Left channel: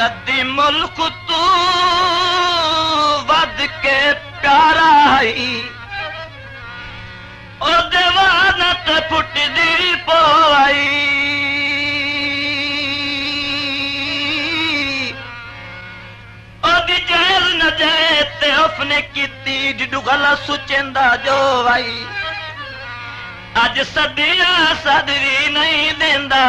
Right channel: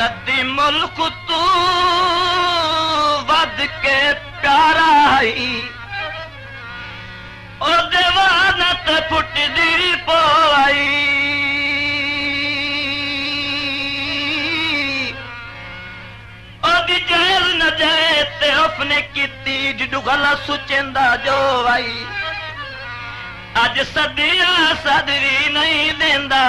कदी मुल्क तू वध के प्यारा आई ओ देवानत फुटदी पोई ओदी जेल न जाए ते अपने कीती जिडू गला सुचेंदा जो आई अज सदिया सदरी नहीं देंदा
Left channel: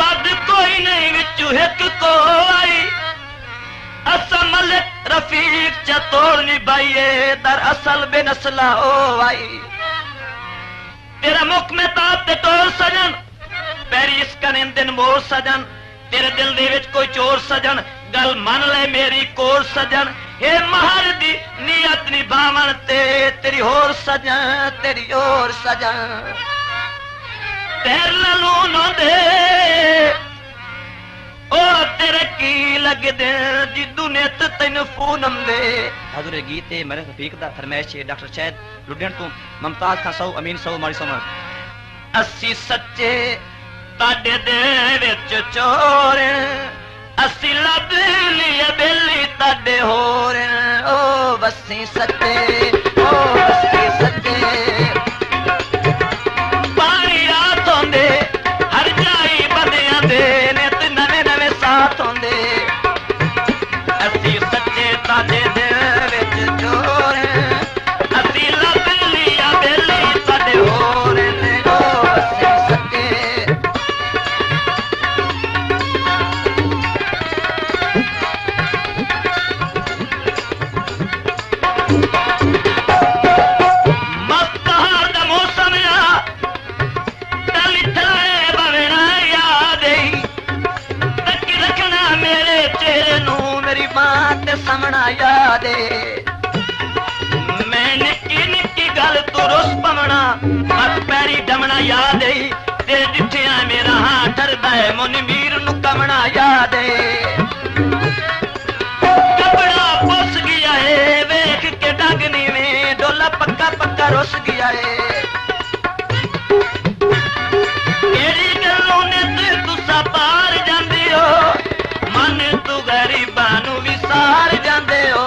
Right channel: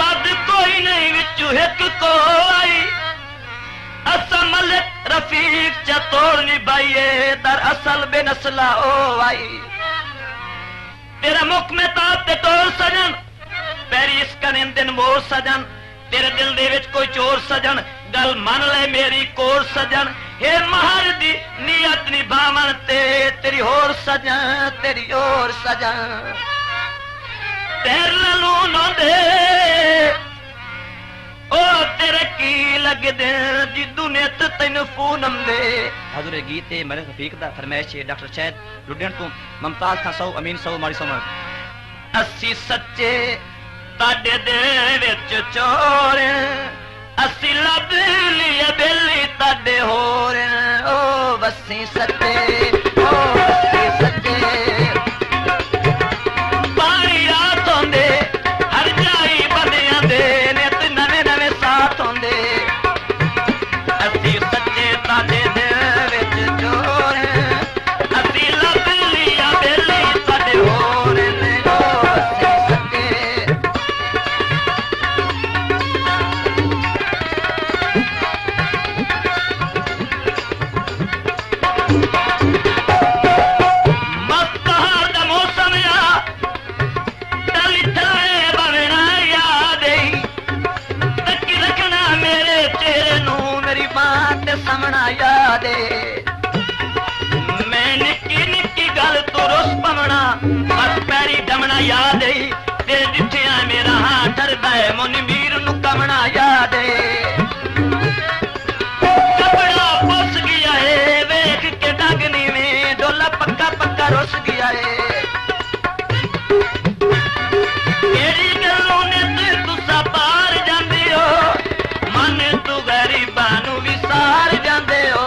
पद कोई नहीं विचू हिक को आई असा मलिक रफीक चतोड़ निभाइए दर असल बेनस्ला ओ आई तेरा मुख में ताप ते तोड़ सजन पैरी इसका दिन मोर सजन तेरे दिल दे विच कोई चोर सजन गल मन ले मेरी कोर सजन हे महर दी नियत निभावन ते तेरी होर सजन तेरी होर सजन पैर लून दे ओ तेरे की लग दे जिदू नित तैन फूनम दे हजूर गीत मेरे रफीक दा फरमाइश है डॉक्टर शहद लुधियाना तो मुमताज खान साहब अमीन साहब मारी सनो अस्सी सच्चे ताडे दे विच चोर अस्सी लब लिया बेली ताडे होर ओ बसी सच्चे ओ बसी सच्चे पानी रात होंदे हर जाई बंदियां दे नित नवे नवे साथ होंदे अस्सी सच्चे ताडे दे विच चोर अस्सी लब लिया बेली ताडे होर ओ बसी सच्चे याद तेरे दिठिया मेरा हाथ डरदा है मुन मीर नु कमना याद कपड़ा पुस गया है वेख के डगनी में डोला पक्का पक्का रुस गया है तेरी गलों ने तुसा पार जांदे हो मन तू गरीबां नु विसार जांदे हो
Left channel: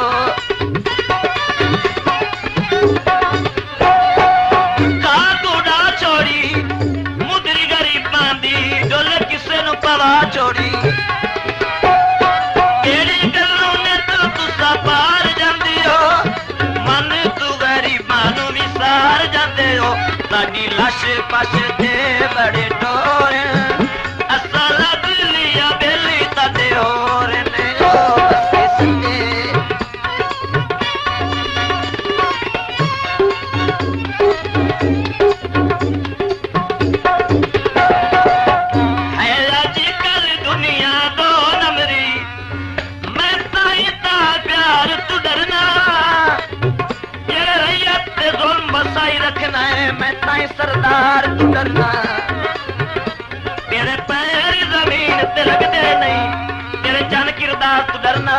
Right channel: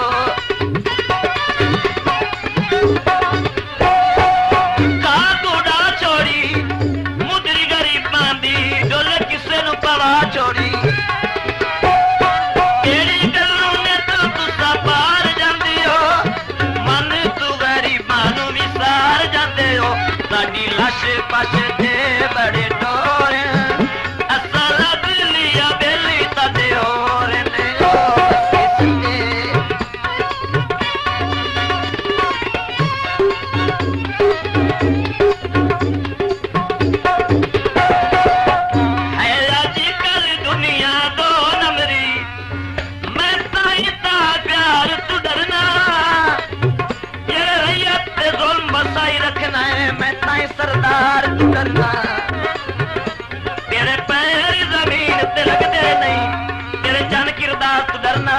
तेरे पैर जमीन ते लगते नहीं तेरे जन किरदार तू डरना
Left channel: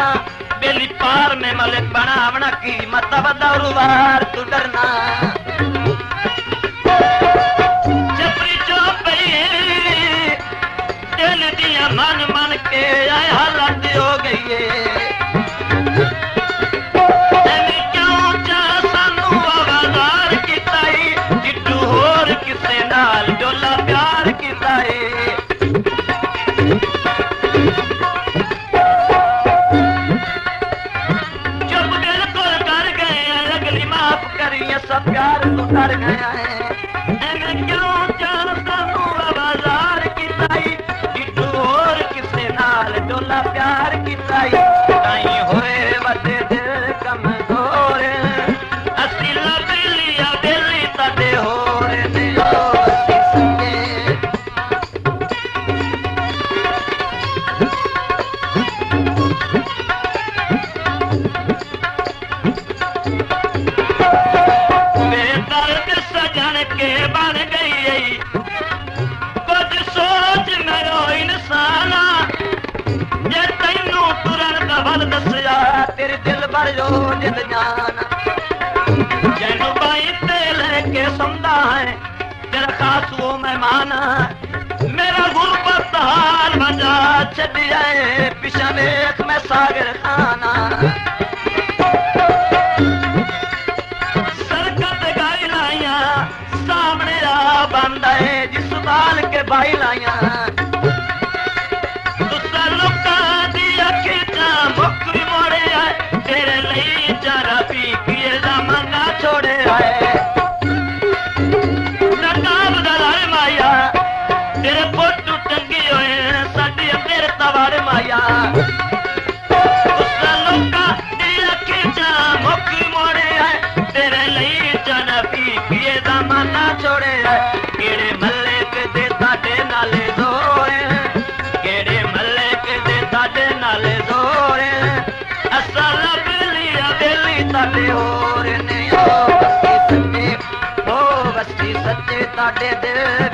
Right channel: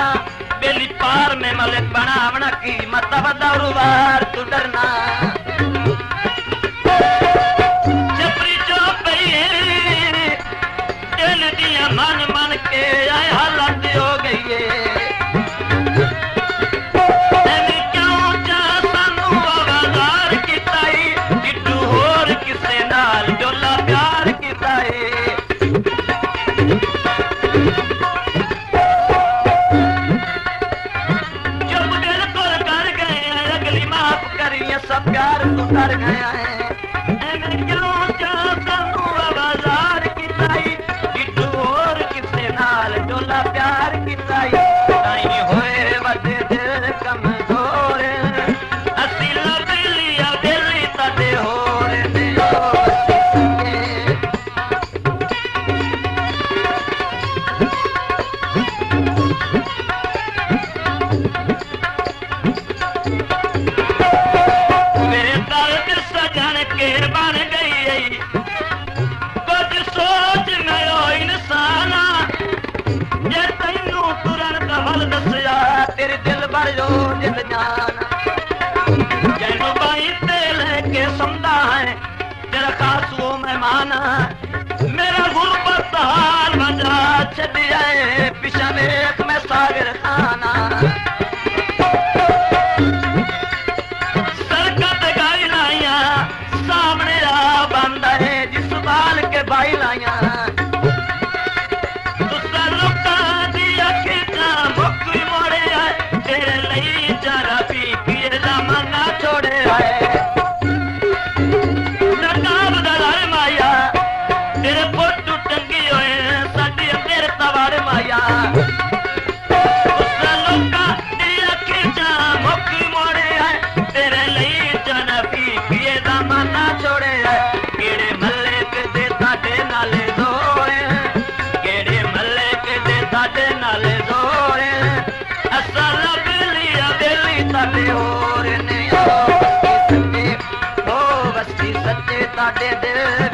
बेली पार में मलिक बनावना की मत बदौरुवार तू डरना जबरी चौपई दिल दिया मन मन के आए हालत हो गई है कर गया है क्यों चाहू बाजार की ताई बिट्टू और किसे नाल डोला प्यार की ताई ताई होए वडे दिल कमजोर असी लग लिया दिल तड़े होर ने ओ ਸੱਚੇ ਤੁਹਾਡੇ ਦਿਲ